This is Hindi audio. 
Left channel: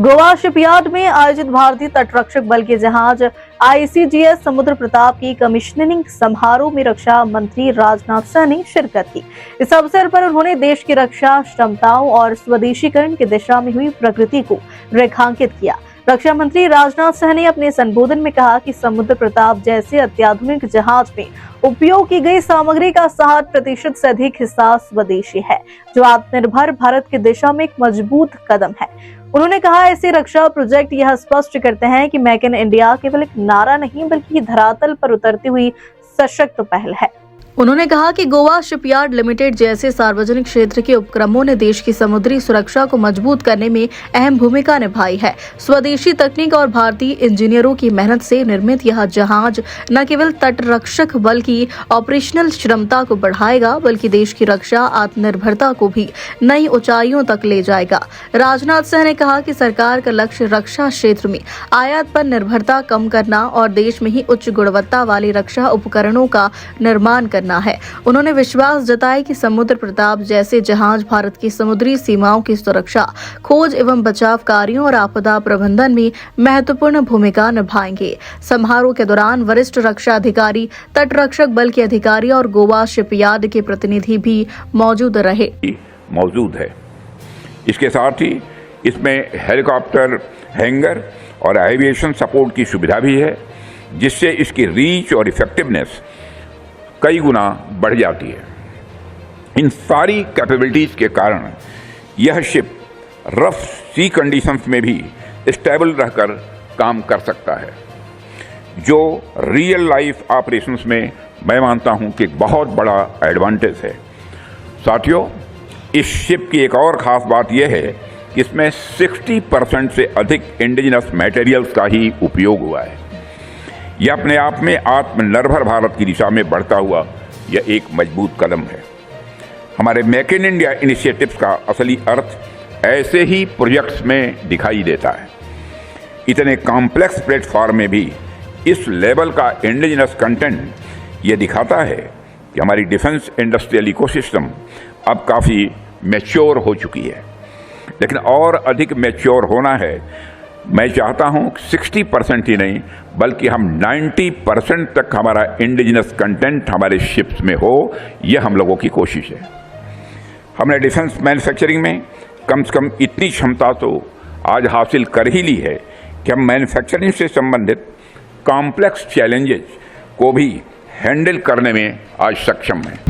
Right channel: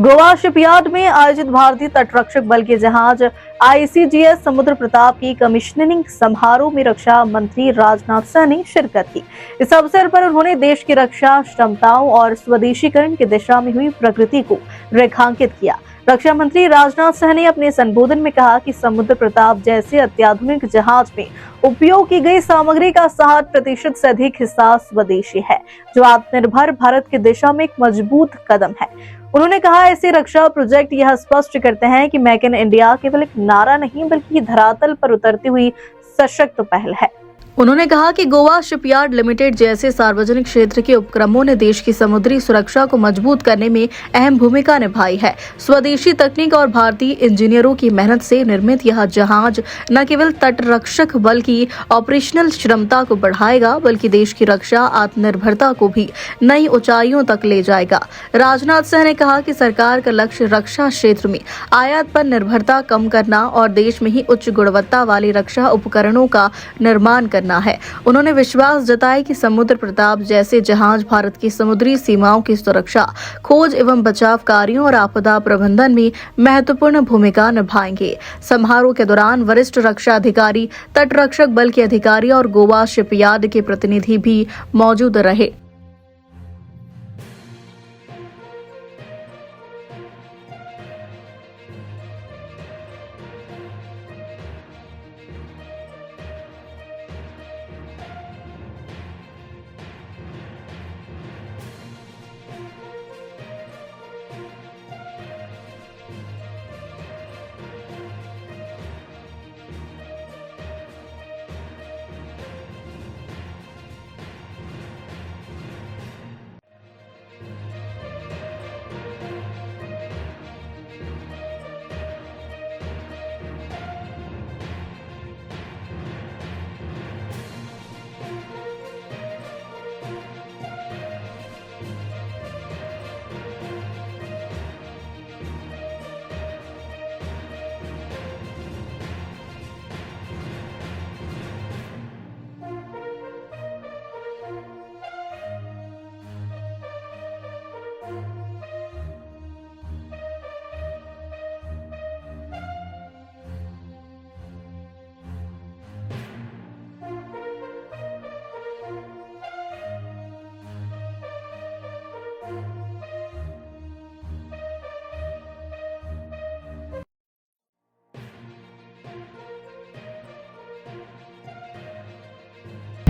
गोवा शिपयार्ड में आयोजित भारतीय तटरक्षक बल के जहाज ICGS समुद्र प्रताप की कमीशनिंग समारोह में रक्षा मंत्री राजनाथ सिंह ने शिरकत की। इस अवसर पर उन्होंने देश की रक्षा क्षमताओं और स्वदेशीकरण की दिशा में हुई प्रगति को रेखांकित किया। रक्षा मंत्री राजनाथ सिंह ने अपने संबोधन में कहा कि समुद्र प्रताप जैसे अत्याधुनिक जहाज में उपयोग की गई सामग्री का 60% से अधिक हिस्सा स्वदेशी है, जो आत्मनिर्भर भारत की दिशा में एक मजबूत कदम है। उन्होंने कहा, ऐसे रक्षा प्रोजेक्ट यह स्पष्ट करते हैं कि मेक इन इंडिया केवल एक नारा नहीं बल्कि धरातल पर उतरती हुई सशक्त पहल है। उन्होंने कहा कि गोवा शिपयार्ड लिमिटेड जैसे सार्वजनिक क्षेत्र के उपक्रमों ने देश की समुद्री सुरक्षा को मजबूत करने में अहम भूमिका निभाई है। स्वदेशी तकनीक और भारतीय इंजीनियरों की मेहनत से निर्मित यह जहाज न केवल तटरक्षक बल की ऑपरेशनल क्षमता को बढ़ाएगा बल्कि देश की रक्षा आत्मनिर्भरता को भी नई ऊंचाइयों तक ले जाएगा। राजनाथ सिंह ने कहा कि सरकार का लक्ष्य रक्षा क्षेत्र में आयात पर निर्भरता कम करना और देश में ही उच्च गुणवत्ता वाले रक्षा उपकरणों का निर्माण करना है। उन्होंने विश्वास जताया कि समुद्र प्रताप जैसे जहाज भारत की समुद्री सीमाओं की सुरक्षा, खोज एवं बचाव कार्यों और आपदा प्रबंधन में महत्वपूर्ण भूमिका निभाएंगे। समारोह के दौरान वरिष्ठ रक्षा अधिकारी, तटरक्षक बल के अधिकारी और गोवा शिपयार्ड के प्रतिनिधि भी मौजूद है। इसके साथ ही इसमें हेलीकॉप्टर हैंगर और एविएशन सपोर्ट की सुविधा भी है, जिससे इसकी रीच और इफेक्टिवनेस कई गुना बढ़ जाती है। इन सारी कैपेबिलिटीज के कारण यह शिप रफ सी कंडीशंस में भी स्टेबल रहकर काम कर सकता है, जो रियल लाइफ ऑपरेशंस में मैं मानता हूं कि एक बहुत बड़ा एडवांटेज है। साथियों, इस शिप की एक और ख़ास बात यह है कि इसमें 60% से अधिक इंडिजिनस मटेरियल्स का ही उपयोग हुआ है। यह अपने आप में आत्मनिर्भर भारत की दिशा में बढ़ता हुआ यह एक मजबूत कदम है। हमारे मेक इन इंडिया इनिशिएटिव्स का असली अर्थ ऐसे ही प्रोजेक्ट्स में दिखाई देता है। इतने कॉम्प्लेक्स प्लेटफॉर्म में भी इस लेवल का इंडिजिनस कंटेंट ये दिखाता है कि हमारी डिफेंस इंडस्ट्रियल इकोसिस्टम अब काफ़ी मैच्योर हो चुकी है, लेकिन और अधिक मैच्योर होना है। मैं चाहता हूं 60% ही नहीं बल्कि हम 90% तक हमारा इंडिजिनस कंटेंट हमारे शिप्स में हो, यह हम लोगों की कोशिश है। हमने डिफेंस मैन्युफैक्चरिंग में कम से कम इतनी क्षमता तो आज हासिल कर ही ली है कि हम मैन्युफैक्चरिंग से संबंधित कॉम्प्लेक्स चैलेंजेस को भी हैंडल करने में आज सक्षम हैं।